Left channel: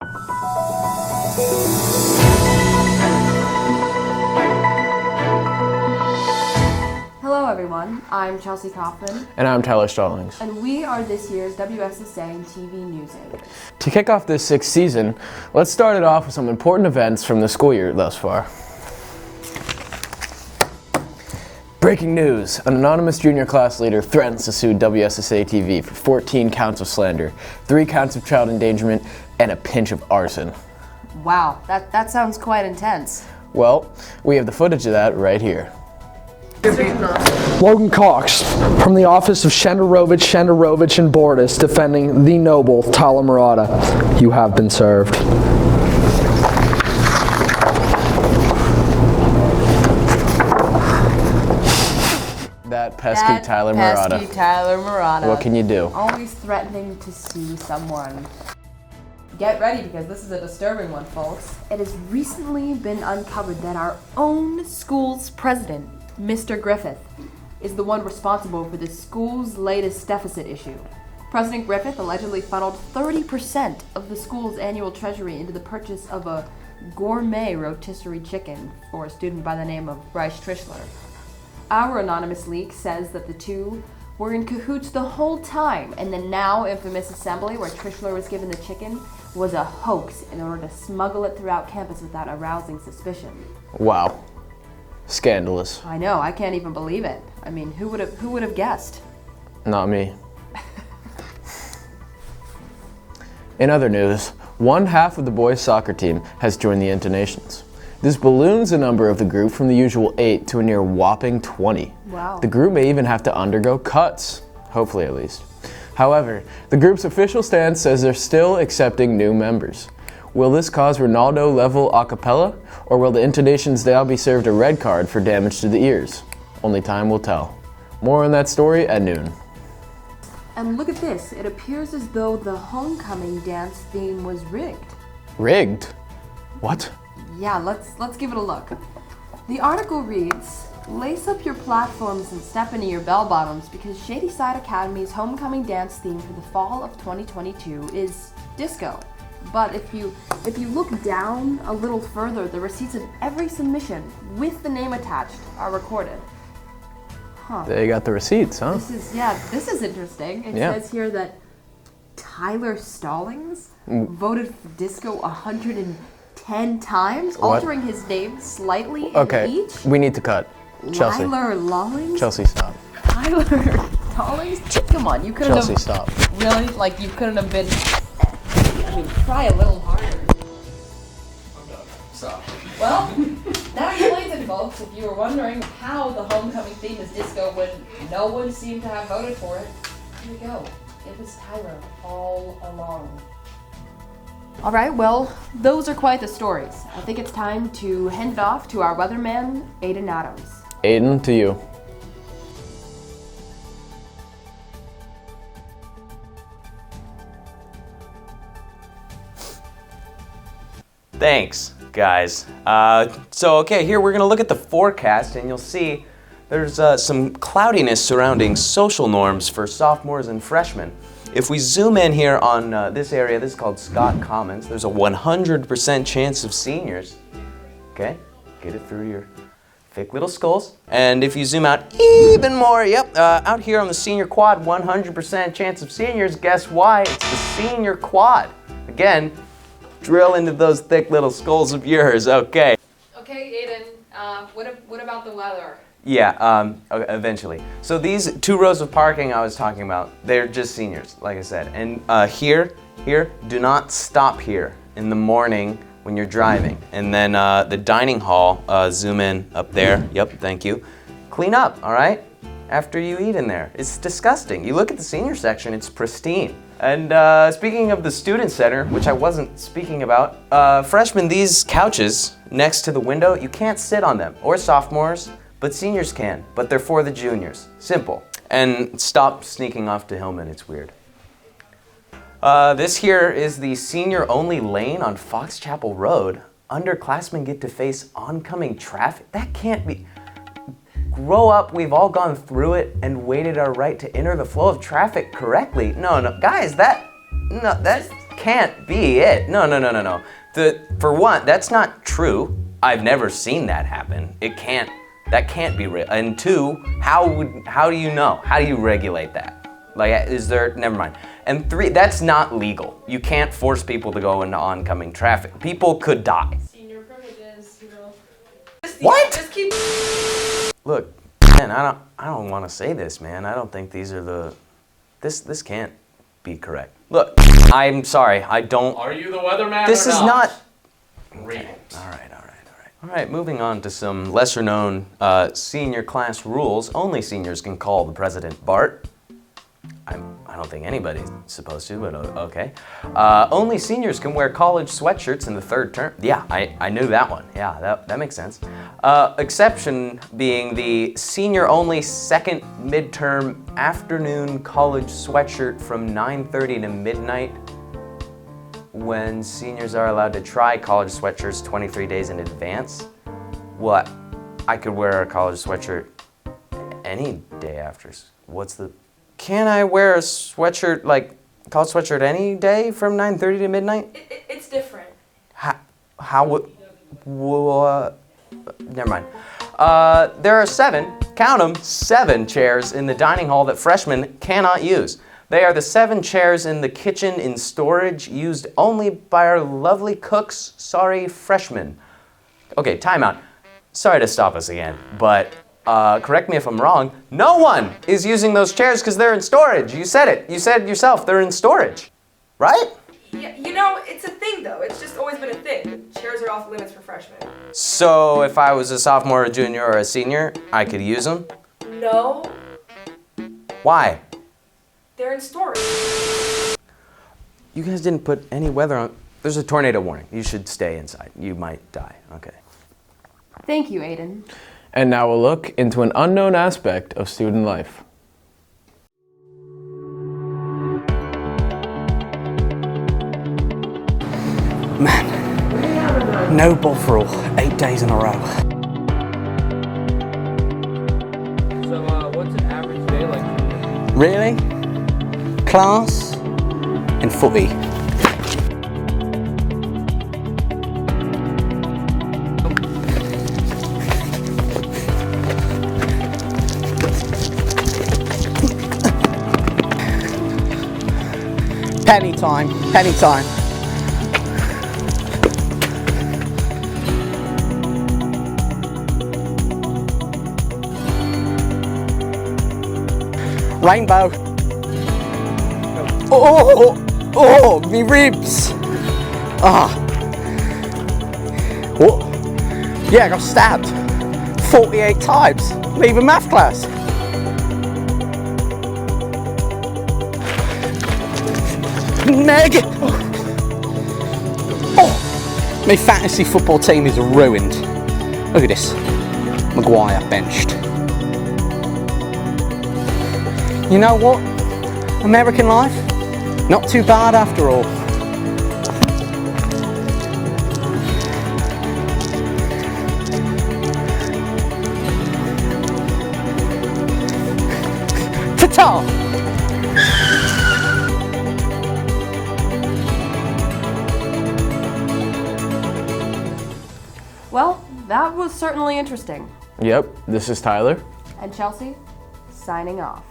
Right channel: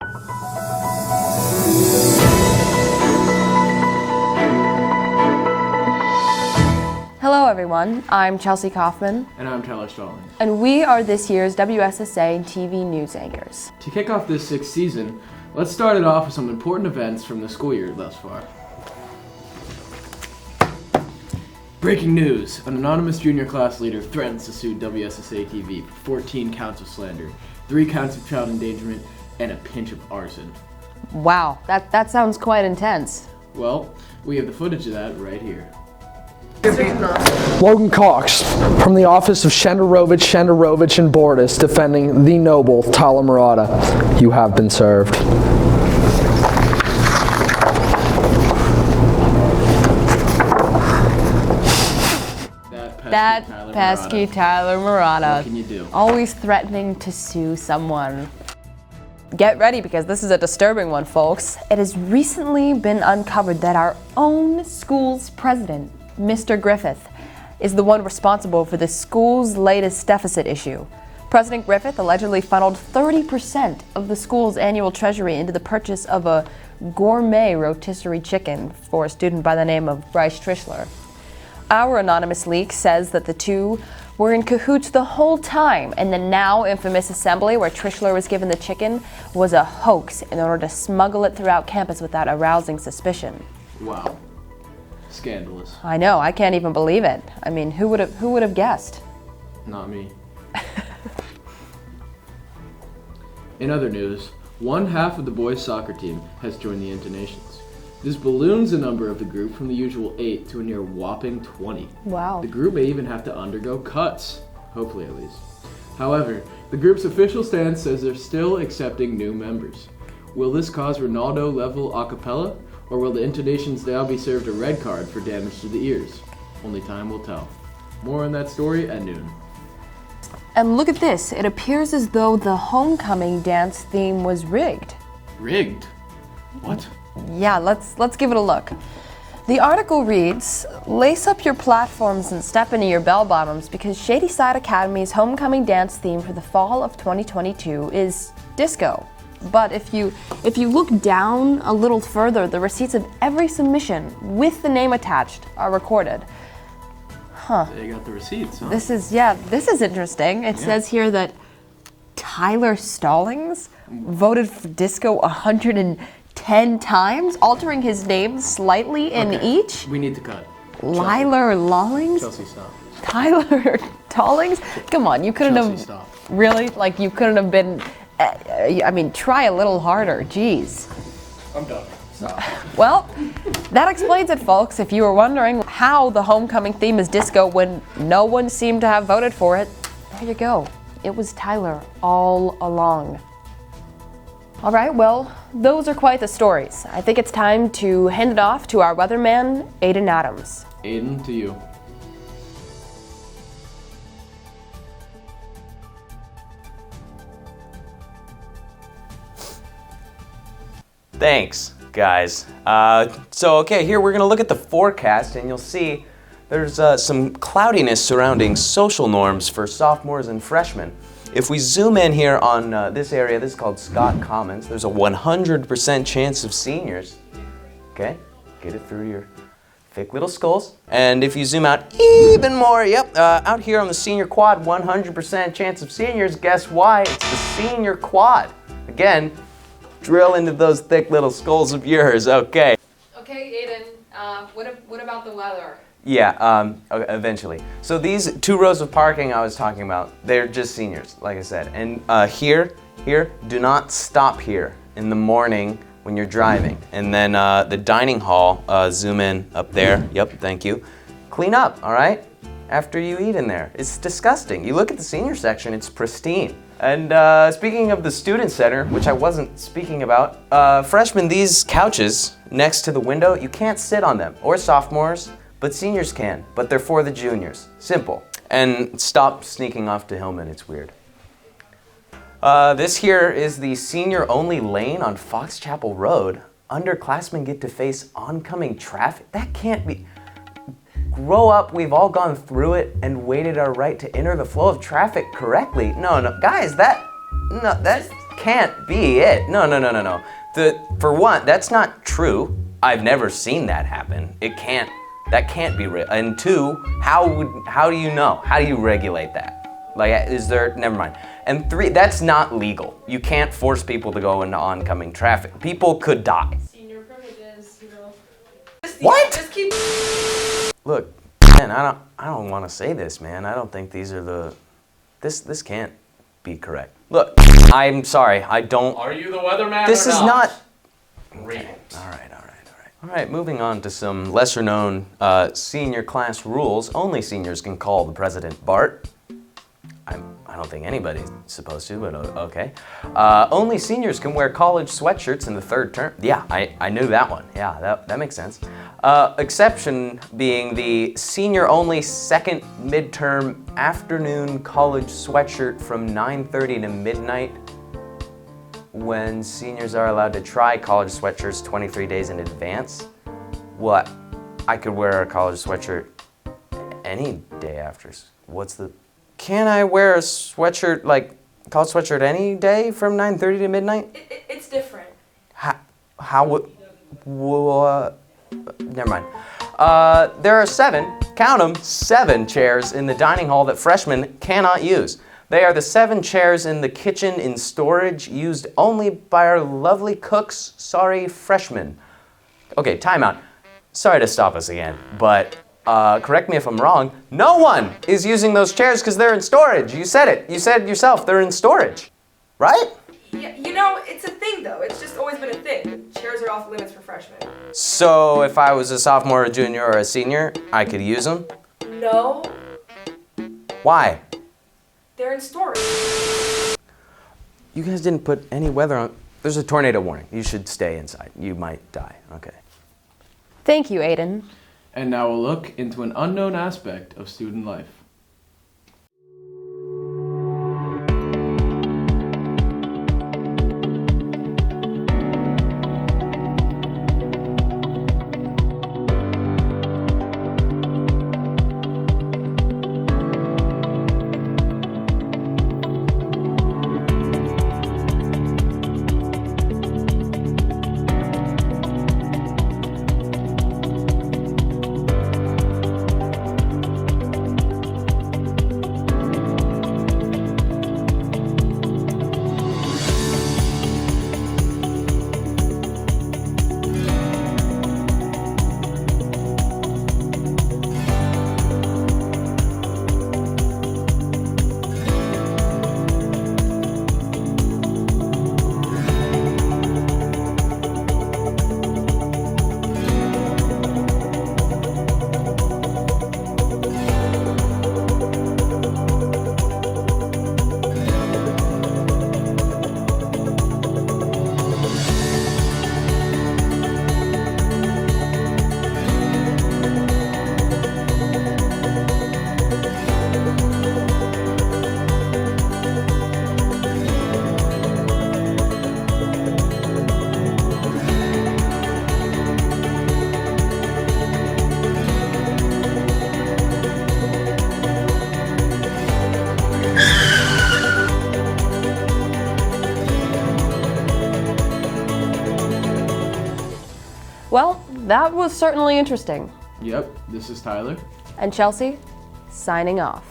Hello everyone, I'm Chelsea Kaufmann. And I'm Tyler Stallings. And we are this year's WSSA-TV news anchors. To kick off this sixth season, let's start it off with some important events from the school year thus far. Breaking news, an anonymous junior class leader threatens to sue WSSA-TV for 14 counts of slander, 3 counts of child endangerment, and a pinch of arson. Wow, that sounds quite intense. Well, we have the footage of that right here. Logan Cox, from the office of Shenderovich and Bordis, defending the noble Tyler Murata. You have been served. That pesky Tyler Murata. Pesky Tyler Murata. What can you do? Always threatening to sue someone. Get ready because this is a disturbing one, folks. It has recently been uncovered that our own school's president, Mr. Griffith, is the one responsible for the school's latest deficit issue. President Griffith allegedly funneled 30% of the school's annual treasury into the purchase of a gourmet rotisserie chicken for a student by the name of Bryce Trishler. Our anonymous leak says that the two were in cahoots the whole time, and the now infamous assembly where Trishler was given the chicken was a hoax in order to smuggle it throughout campus without arousing suspicion. Wow. Scandalous. I know, I can't even believe it. I mean, who would have guessed? Not me. In other news, one half of the boys' soccer team has joined the Intonations. This balloons the number of the group from the usual 8 to a near whopping 20. Wow. The group may even have to undergo cuts, hopefully at least. However, the group's official stance says they're still accepting new members. Will this cause Ronaldo-level a cappella, or will the Intonations now be served a red card for damage to the ears? Only time will tell. More on that story at noon. And look at this. It appears as though the homecoming dance theme was rigged. Rigged? What? Yeah, let's give it a look. The article reads, lace up your platforms and step into your bell bottoms because Shady Side Academy's homecoming dance theme for the fall of 2022 is disco. But if you look down a little further, the receipts of every submission with the name attached are recorded. Huh. They got the receipts, huh? This is interesting. It says here that Tyler Stallings voted for disco 110 times, altering his name slightly in each. We need to cut. Tyler Lawlings? Chelsea, stop. Tyler Stallings? Come on, you couldn't Chelsea, have. stop. Really? Like, you couldn't have been. I mean, try a little harder. Jeez. I'm done. Stop. Well, that explains it, folks. If you were wondering how the homecoming theme is disco when no one seemed to have voted for it, there you go. It was Tyler all along. All right, well, those are quite the stories. I think it's time to hand it off to our weatherman, Aiden Adams. Aiden, to you. Thanks, guys. Okay, here we're gonna look at the forecast, and you'll see there's some cloudiness surrounding social norms for sophomores and freshmen. If we zoom in here on this area, this is called Scott Commons, there's a 100% chance of seniors. Okay, get it through your thick little skulls. And if you zoom out even more, out here on the senior quad, 100% chance of seniors. Guess why? It's the senior quad. Again, drill into those thick little skulls of yours, okay. Okay, Aiden, what about the weather? Yeah, eventually. So these 2 rows of parking I was talking about, they're just seniors, like I said. And here, do not stop here in the morning when you're driving. And then the dining hall, zoom in up there. Yep, thank you. Clean up, all right? After you eat in there. It's disgusting. You look at the senior section, it's pristine. And speaking of the student center, which I wasn't speaking about, freshmen, these couches next to the window, you can't sit on them, or sophomores, but seniors can, but they're for the juniors. Simple. And stop sneaking off to Hillman, it's weird. This here is the senior-only lane on Fox Chapel Road. Underclassmen get to face oncoming traffic. That can't be. Grow up, we've all gone through it and waited our right to enter the flow of traffic correctly. No, guys, can't be it. No. For one, that's not true. I've never seen that happen. That can't be real. And two, how do you know? How do you regulate that? Like, never mind. And three, that's not legal. You can't force people to go into oncoming traffic. People could die. Senior privileges, you know. What? Just keep. Look, man, I don't want to say this, man. I don't think these are this can't be correct. Look, I'm sorry. I don't. Are you the weatherman? This is not. Read it. All right, moving on to some lesser-known senior class rules. Only seniors can call the president Bart. I don't think anybody's supposed to, but okay. Only seniors can wear college sweatshirts in the third term. Yeah, I knew that one. Yeah, that makes sense. Exception being the senior-only second midterm afternoon college sweatshirt from 9:30 to midnight, when seniors are allowed to try college sweatshirts 23 days in advance. What? I could wear a college sweatshirt any day after. Can I wear a sweatshirt, like college sweatshirt any day from 9:30 to midnight? It's different. How would, never mind. There are 7, count them, 7 chairs in the dining hall that freshmen cannot use. They are the 7 chairs in the kitchen in storage used only by our lovely cooks. Sorry, freshmen. Okay, timeout. Sorry to stop us again, but correct me if I'm wrong. No one is using those chairs because they're in storage. You said it. You said it yourself. They're in storage, right? Yeah, you know, it's a thing though. It's just always been a thing. The chairs are off limits for freshmen. So if I was a sophomore, a junior, or a senior, I could use them? No, Why? they're in storage. You guys didn't put any weather on. There's a tornado warning. You should stay inside. You might die. Okay. Thank you, Aiden. And now we'll look into an unknown aspect of student life. Man, no Bovril, 8 days in a row. So, what's an average day like? Really? Class and footy. Penny time, penny time. Rainbow. Oh, me ribs. Ah. What? Yeah, I got stabbed 48 times, leaving math class. Meg. Oh. My fantasy football team is ruined. Look at this. Maguire benched. You know what? American life, not too bad after all. Ta-ta! Well, that was certainly interesting. Yep, this is Tyler. And Chelsea, signing off.